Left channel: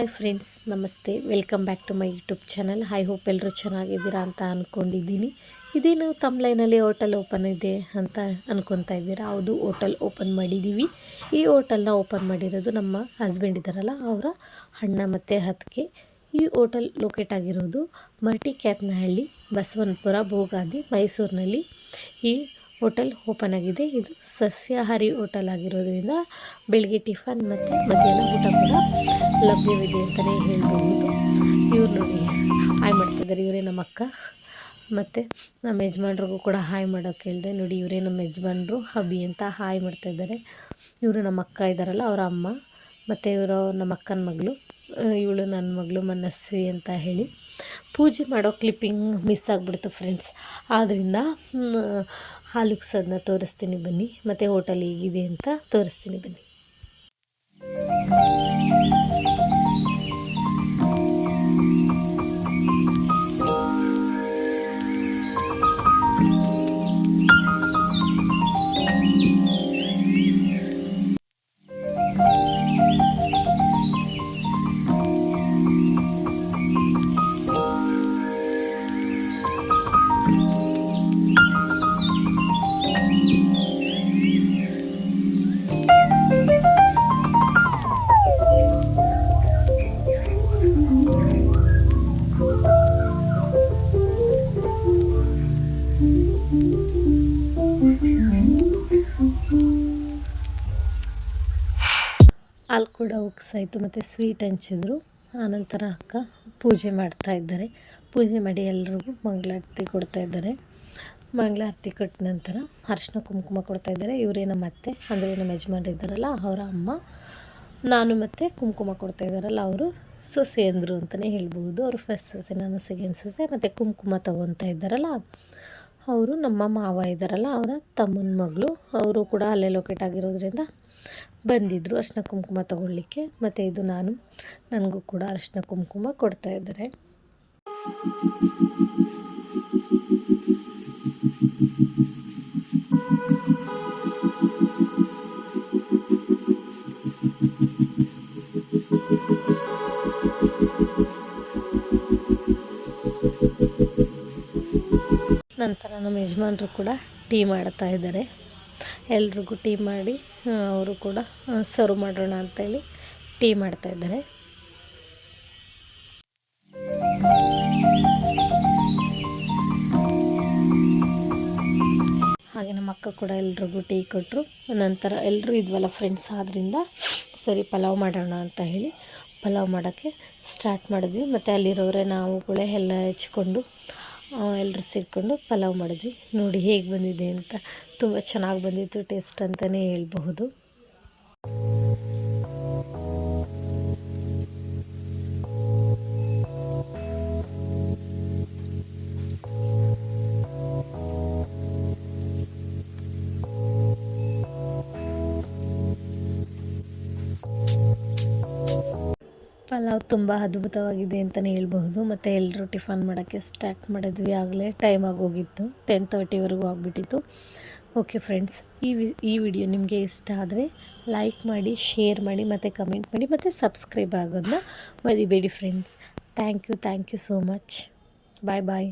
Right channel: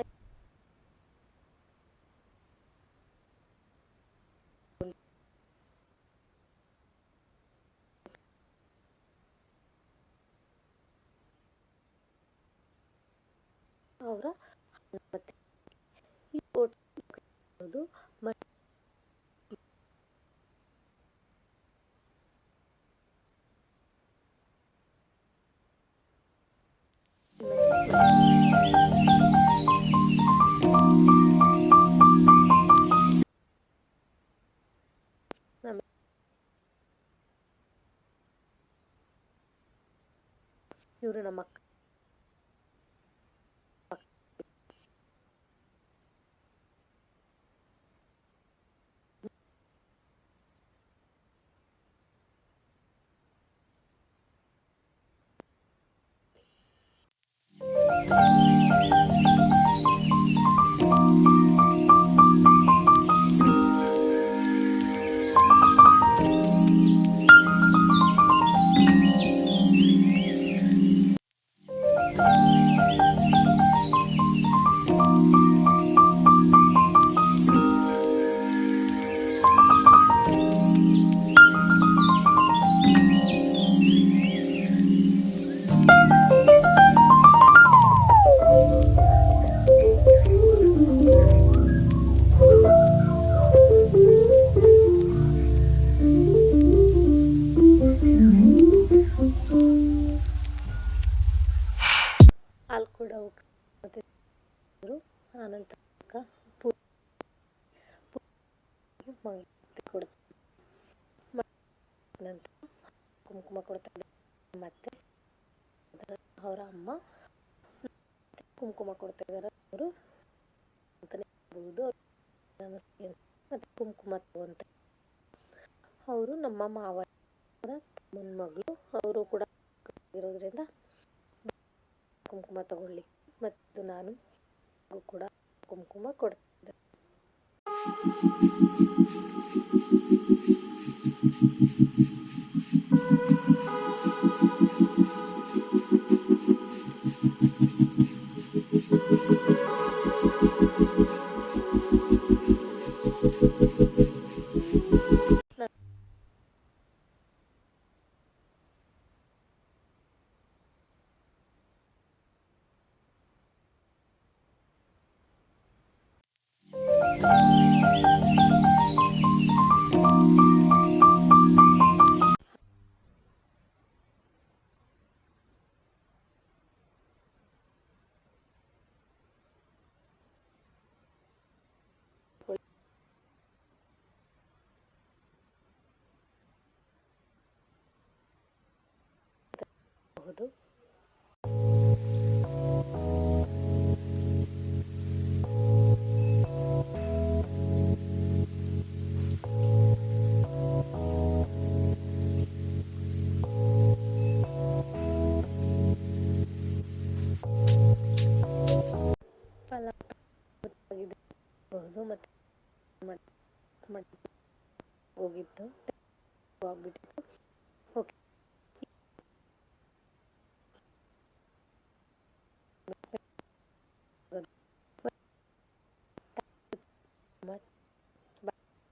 Hi friends, ನಮಸ್ತೆ. Welcome back to my YouTube channel. I hope ಎಲ್ಲರೂ ಚೆನ್ನಾಗಿದ್ದೀರಾ ಅಂತ ಅಂದ್ಕೊಂಡಿದ್ದೀನಿ. ಇದೇನು ತಮ್ಲೈನಲ್ಲಿ ಹೋಟೆಲ್ ಓಪನ್ ಇದೆ ಅಂತ ಅಂದ್ಕೊತಾ ಇದ್ದೀರಾ. ಹೌದು, ಹೋಟೆಲ್ ಓಪನ್ ಮಾಡಿದ್ದೀವಿ. ಈ ಹೋಟೆಲ್ನ ಓಪನ್ ಮಾಡಿರೋದು ನಮ್ಮ ಹಸ್ಬೆಂಡ್ ಇದ್ದಾರಲ್ಲ, ಅವರ ಅಣ್ಣ ಮತ್ತು ಅತ್ತಿಗೆ. ಈ ಹೋಟೆಲ್ ಲೊಕೇಟ್ ಆಗಿರೋದು ಮರಟಿಕ್ಯಾತನಹಳ್ಳಿ, ಬಸವನಪುರ, ಭೋಗಾದಿ, ಮೈಸೂರಿನಲ್ಲಿ ಈ ಹೋಟೆಲ್ ಓಪನ್ ಆಗಿದೆ. ಇದು ಸಸ್ಯಾಹಾರಿ ಹೋಟೆಲ್ ಆಗಿರೋದ್ರಿಂದ ಬೆಳಗ್ಗೆ ಟಿಫನ್ ಮತ್ತು ಮಧ್ಯಾಹ್ನ ಊಟ ಕೂಡ ಲಭ್ಯವಿದೆ ಅಂತಲೇ ಹೇಳ್ಬೋದು. ಇವ್ರು ನೋಡಿ ಹಾಯ್ ಮಾಡ್ತಿದ್ದಾರೆ. ಇವರೇ ನಮ್ಮ ಅಕ್ಕ. ಮತ್ತು ನಮ್ಮ ಯಜಮಾನ್ರಿಗೂ ಕೂಡ ಹಾಯ್ ಮಾಡೋಕ್ಕೆ ಹೇಳಿದೆ. ನೋಡಿ, ಇವರೇ ನಮ್ಮ ಯಜಮಾನ್ರು, ಹಬಿ ಅಂತ ಹಾಯ್ ಮಾಡ್ತಾಯಿದ್ದಾರೆ. ಇವರು ನಮ್ಮ ಅಕ್ಕ ಇದ್ದಾರಲ್ಲ, ಅವರ ಅಮ್ಮ. ಮತ್ತು ಇವರು ನಮ್ಮ ಅಕ್ಕನ ಮಗಳು, ಇವಳು ನನ್ನ ಮಗಳು ಮನಸ್ವಿ ಅಂತ ಹೇಳಿ. ಪೂಜೆ ಮಾಡೋ ಕ್ಲಿಪ್ಪಿಂಗ್ ಮಿಸ್ ಆಗಿಬಿಡ್ತು ಫ್ರೆಂಡ್ಸ್. ಆದ್ದರಿಂದ ಹಾಲುಕ್ಸೋದನ್ನ ತೋರಿಸ್ತೀನಿ ಬನ್ನಿ, ಮತ್ತು ಹೋಟೆಲ್ ಹೇಗಿದೆ ಅಂತ ತೋರಿಸ್ತೀನಿ ಬನ್ನಿ. ಹಾಲು ಕೂಡ ಉಕ್ಸಾಯಿತು ಮತ್ತು ಸ್ವೀಟ್ ಹಂಚಿದ್ರು. ಆನಂತರ ಅಕ್ಕ ಪೂಜೆ ಮಾಡ್ತಾ ಇದ್ದಾರೆ. ಪೂಜೆ ಮಾಡಿ ಎಲ್ರಿಗೂ ಮಂಗಳಾರತಿ ಕೊಡ್ತಾ ಇದ್ದಾರೆ. ಮಂಗಳಾರತಿ ಕೊಟ್ಟ ನಂತರ ಅರಿಶಿನ ಕುಂಕುಮ ಕೊಡ್ತಾ ಇದ್ದಾರೆ. ಇವರೇ ನಮ್ಮ ಅತ್ತೆ, ಅಂದರೆ ನಮ್ಮ ಯಜಮಾನ್ರು ಇದ್ದಾರಲ್ಲ, ಅವರ ಅಮ್ಮ. ನಾನು ಮತ್ತು ಕುಂಕುಮ ಕೊಡ್ತಾ ಇದ್ದಾರಲ್ಲ, ಅವರು ಸೊಸೆ ಅಂದರು ಅಂತಲೇ ಹೇಳ್ಬೋದು. ಅವರು ಫಸ್ಟ್ ಸೊಸೆ, ನಾನು ಸೆಕೆಂಡ್ ಸೊಸೆ. ಮತ್ತು ಕುಂಕುಮ ತೊಗೊತಾ ಇದ್ದಾರಲ್ಲ, ಅವರು ನಮ್ಮ ಮಾವ ಇದ್ದಾರಲ್ಲ, ಅವರ ತಮ್ಮನ ಮಗಳು. ಅವರು ಕೂಡ ಅಲ್ಲೇ ಲೊಕೇಟ್ ಆಗಿರೋದ್ರಿಂದ ಬಂದಿದ್ದರು ಅರಿಶಿನ ಕುಂಕುಮ ತಗೊಳ್ಳಿಕ್ಕೆ. ಮತ್ತು ಇದು ನನಗೂ ಕೂಡ ಅರಿಶಿನ ಕುಂಕುಮ ಕೊಡ್ತಾ ಇದ್ದಾರೆ. ನಂತರ ನಮ್ಮ ಯಜಮಾನರು ಕೂಡ ಟೀ ಮಾಡ್ತಾ ಇದ್ದಾರೆ. ಎಲ್ರಿಗೂ ಟೀ ಮಾಡಿ ಅವರು ಕೂಡ ಸರ್ವ್ ಮಾಡೋಣ ಅಂತೇಳಿ ಟೀ ಮಾಡ್ತಾಯಿದ್ದಾರೆ. ಹಾಗೆ ನಮ್ಮ ಅಕ್ಕ ಕೂಡ ಎಲ್ರಿಗೂ ಟೀ ಕೊಟ್ಟರು. ನಂತರ ಎಲ್ಲರೂ ಇದ್ವಲ್ಲ ಫ್ರೆಂಡ್ಸ್, ಆದ್ದರಿಂದ ಸರಿ ಪಲಾವ್ ಮಾಡೋಣ ಅಂತ ಹೇಳಿ ಪಲಾವ್ ಮಾಡೋಕ್ಕೆ ಸ್ಟಾರ್ಟ್ ಮಾಡಿದ್ವಿ. ಮತ್ತು ಅಲ್ಲಿರೋರೆ ನಾವುಗಳೇ ಎಲ್ಲ ಹೆಚ್ಕೊಂಡು ಎಲ್ಲರೂ ಸೇರಿಕೊಂಡು ಪಲಾವ್ ಮಾಡಿದ್ವಿ. ನೋಡಿ ಹೇಗೆ ಬಂದಿದೆ ಅಂತ. ತುಂಬ ಚೆನ್ನಾಗಿ ಬಂದಿತ್ತು, ಟೇಸ್ಟ್ ಅಂತಲೇ ಹೇಳ್ಬಹುದು. ಪಲಾವ್ ತುಂಬ ಅದ್ಭುತವಾಗಿದೆ ಅಂತಲೇ ಹೇಳ್ಬಹುದು. ಮತ್ತು ಎಲ್ಲರೂ ಟಿಫನ್ ಮಾಡೋಕ್ಕೆ ಸ್ಟಾರ್ಟ್ ಮಾಡಿದ್ವಿ. ಆಗಲೇ ಟೈಮ್ ಆಗೋಗಿತ್ತು, 10:30ವರೆಗೂ ಆಗಿಬಿಟ್ಟಿತ್ತು. ಓಕೆ ಫ್ರೆಂಡ್ಸ್, ಈ ವಿಡಿಯೋ ನಿಮಗೆ ಇಷ್ಟ ಆದರೆ ಲೈಕ್ ಮಾಡಿ, ಶೇರ್ ಮಾಡಿ, ಮತ್ತು ಕಮೆಂಟ್ ಮಾಡಿ, ಮತ್ತು ಸಬ್ಸ್ಕ್ರೈಬ್ ಆಗೋದನ್ನ ಮರಿಬೇಡಿ friends. Thank you so much. Bye bye.